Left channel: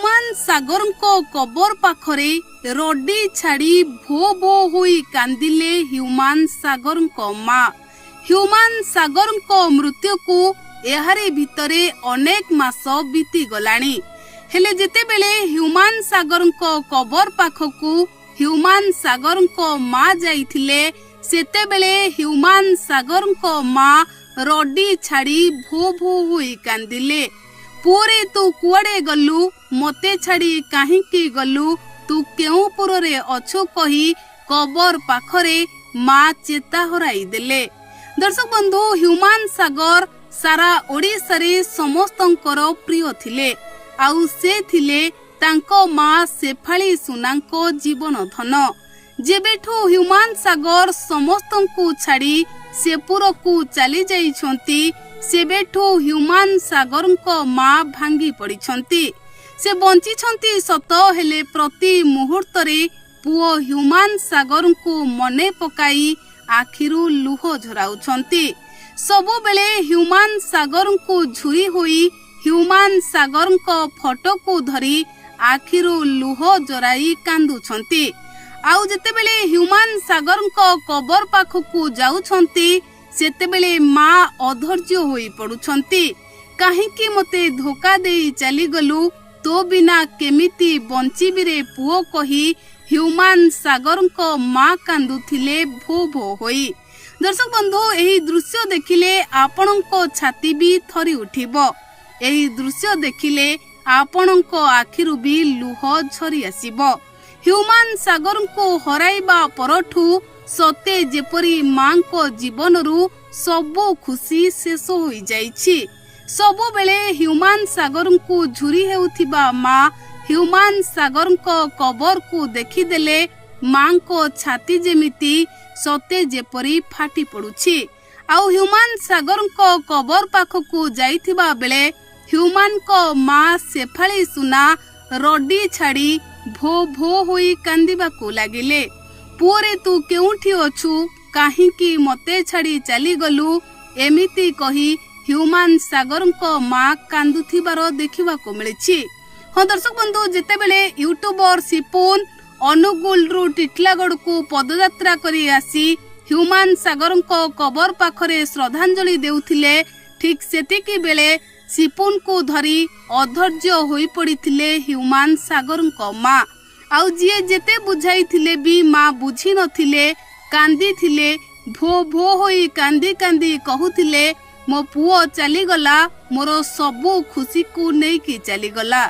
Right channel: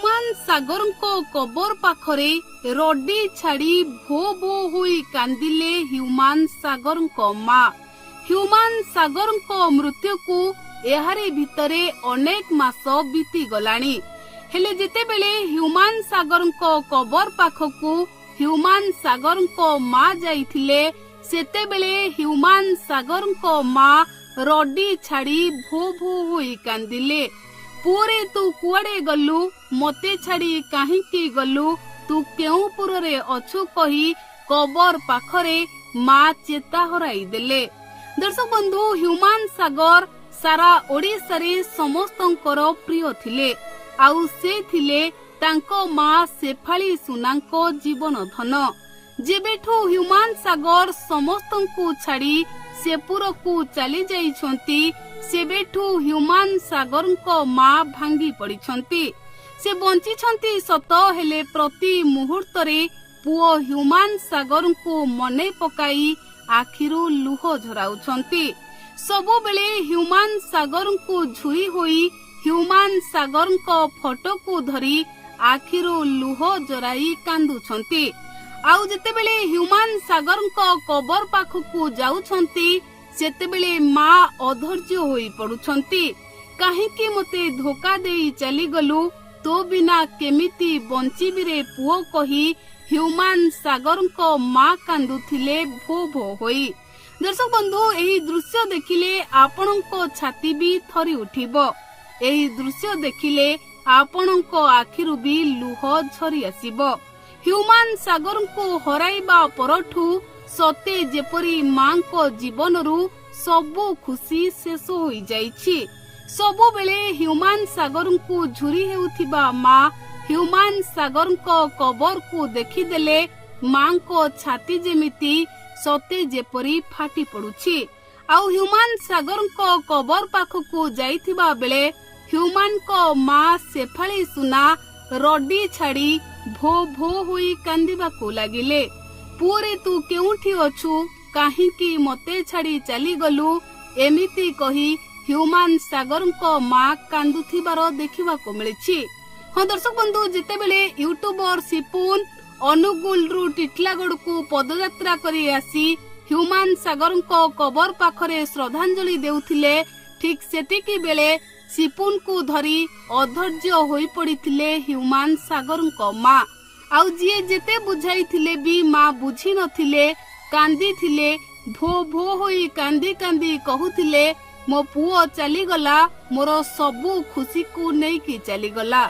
ହ୍ୟୁମାନ ସାଗରଙ୍କ କବର ପାଖରେ ରଡି ଛାଡ଼ି ଭୋ ଭୋ ହୋଇ କାନ୍ଦିଲେ ହ୍ୟୁମାନ ସାଗରଙ୍କ ମା। ହ୍ୟୁମାନ ସାଗରଙ୍କ ମୃତ୍ୟୁକୁ ଏହାରି ଭିତରେ ଅନେକ ମାସ ବିତିଗଲାଣି। ହେଲେ ଯେତେବେଳେ ହ୍ୟୁମାନ ସାଗରଙ୍କ କବର ପାଖକୁ ହ୍ୟୁମାନ ସାଗରଙ୍କ ମା ଯାଇଥିଲେ ସେତେବେଳେ ହ୍ୟୁମାନ ସାଗରଙ୍କ ମା ରଡି ଛାଡ଼ି ଭୋ ଭୋ ହୋଇ କାନ୍ଦିଲେ। ପୁଅରେ ତୁ କୁଆଡେ ଗଲୁ, ମତେ ଛାଡ଼ି କାହିଁକି ଗଲୁ, ତୁ କେଉଁ ପୁରରେ ଅଛୁ କହି କବର ପାଖରେ ମା ଚେତା ହରାଇ ଦେଲେ। ଦର୍ଶକ ବନ୍ଧୁ, ହ୍ୟୁମାନ ସାଗର ସାରା ଓଡ଼ିଶାରେ ସମସ୍ତଙ୍କର ପ୍ରିୟ ଥିଲେ। ଆଉ ସେ ଥିଲେ ତାଙ୍କ ମା ଶେଫାଳି ସୁନାଙ୍କ ଜୀବନ ଧନ। ଯେବେଠୁ ହ୍ୟୁମାନ ସାଗର ସମସ୍ତଙ୍କୁ ଛାଡ଼ି ସେପୁରକୁ ଚାଲି ଯାଇଛନ୍ତି ସେବେଠୁ ହ୍ୟୁମାନ ସାଗରଙ୍କ ମା ଭାଙ୍ଗି ପଡ଼ିଛନ୍ତି। ସେ ବଞ୍ଚିଛନ୍ତି ସତ, ହେଲେ ପ୍ରତି ମୁହୂର୍ତ୍ତରେ ପୁଅ ହ୍ୟୁମାନ ସାଗରଙ୍କୁ ମନେ ପକାଇ ଆଖିରୁ ଲୁହ ଝରାଉଛନ୍ତି। ସବୁବେଳେ ହ୍ୟୁମାନ ସାଗରଙ୍କୁ ଝୁରି ହୋଇ ହ୍ୟୁମାନ ସାଗରଙ୍କ ଫଟୋକୁ ଧରି ଆଖିରୁ ଲୁହ ଜରାଇ କାନ୍ଦୁଛନ୍ତି। ଆଉ ଯେତେବେଳେ ହ୍ୟୁମାନ ସାଗରଙ୍କ କବର ପାଖକୁ ଯାଉଛନ୍ତି ସେତେବେଳେ ମା ଅଧୈର୍ଯ୍ୟ ହୋଇ ପଡୁଛନ୍ତି। କାହିଁକି ମତେ ଧୋକା ଦେଇ ଚାଲିଗଲୁ, ତୋ ବିନା କେମିତି ବଞ୍ଚିବିରେ ପୁଅ କହି ହ୍ୟୁମାନ ସାଗରଙ୍କ ମା କାନ୍ଦୁଥିଲେ ଭୋ ଭୋ ହୋଇ। ଦର୍ଶକ ବନ୍ଧୁ, ଏହି ଦୃଶ୍ୟ ଦେଖିଲେ ଆପଣଙ୍କ ଛାତି ବି ଥରି ଉଠିବ। ଏହି ଦୃଶ୍ୟ ଦେଖିଲେ ଆପଣଙ୍କ ଆଖିରୁ ବି ଲୁହ ଝରି ଆସିବ। ହ୍ୟୁମାନ ସାଗରଙ୍କୁ ହରାଇବା ପରଠୁ ସତେ ଯେପରି ମାଙ୍କ ଜୀବନରୁ ସବୁ ଖୁସି ଶେଷ ହୋଇଯାଇଛି। ସବୁବେଳେ ହ୍ୟୁମାନ ସାଗରଙ୍କୁ ଝୁରି ହେଉଥିବା ମା ହ୍ୟୁମାନ ସାଗରଙ୍କ କବରକୁ ଦେଖିଦେଲେ ମାଙ୍କ ଛାତି ଯେମିତି ସତେ ଯେପରି ଫାଟି ପଡୁଛି। ଆଉ ହ୍ୟୁମାନ ସାଗରଙ୍କ କବର ପାଖକୁ ଯାଇଥିବା ବେଳେ ହ୍ୟୁମାନଙ୍କ ମା ଶେଫାଳି ସୁନା ରଡି ଛାଡ଼ି ଭୋ ଭୋ ହୋଇ କାନ୍ଦିବାକୁ ଲାଗିଲେ। ପୁଅରେ ତୁ କେଉଁଠି ଅଛୁ, କାହିଁକି ମତେ ଛାଡ଼ି ଚାଲିଗଲୁ, ଏମିତି କହି ହ୍ୟୁମାନ ସାଗରଙ୍କ ମା କାନ୍ଦୁଥିବାର ଦେଖିବାକୁ ମିଳିଛି। ହଁ ଦର୍ଶକ ବନ୍ଧୁ, ଯେତେବେଳେ ୟୁଟ୍ୟୁବର ସିପୁନ ଅନୁଗୁଳରୁ ଟିଟିଲାଗଡକୁ ପଦଯାତ୍ରା କରି ଆସି ହ୍ୟୁମାନ ସାଗରଙ୍କ କବର ପାଖରେ ଶ୍ରଦ୍ଧାଞ୍ଜଳି ଦେଉଥିଲେ, ଠିକ୍ ସେତିକି ବେଳେ ସିପୁନକୁ ଧରି ଅଧୈର୍ଯ୍ୟ ହୋଇ ପଡିଥିଲେ ହ୍ୟୁମାନ ସାଗରଙ୍କ ମା। ଆଉ ଯିଏ ଯେତେ ବୁଝାଇଥିଲେ ବି ମା ବୁଝି ନଥିଲେ, କାନ୍ଦିଥିଲେ, ଭୋ ଭୋ ହୋଇ କାନ୍ଦି କାନ୍ଦି କହୁଥିଲେ ମୋ ପୁଅ ଚାଲିଗଲା, ମୋର ସବୁ ଖୁସିକୁ ନେଇକି ଚାଲିଗଲା।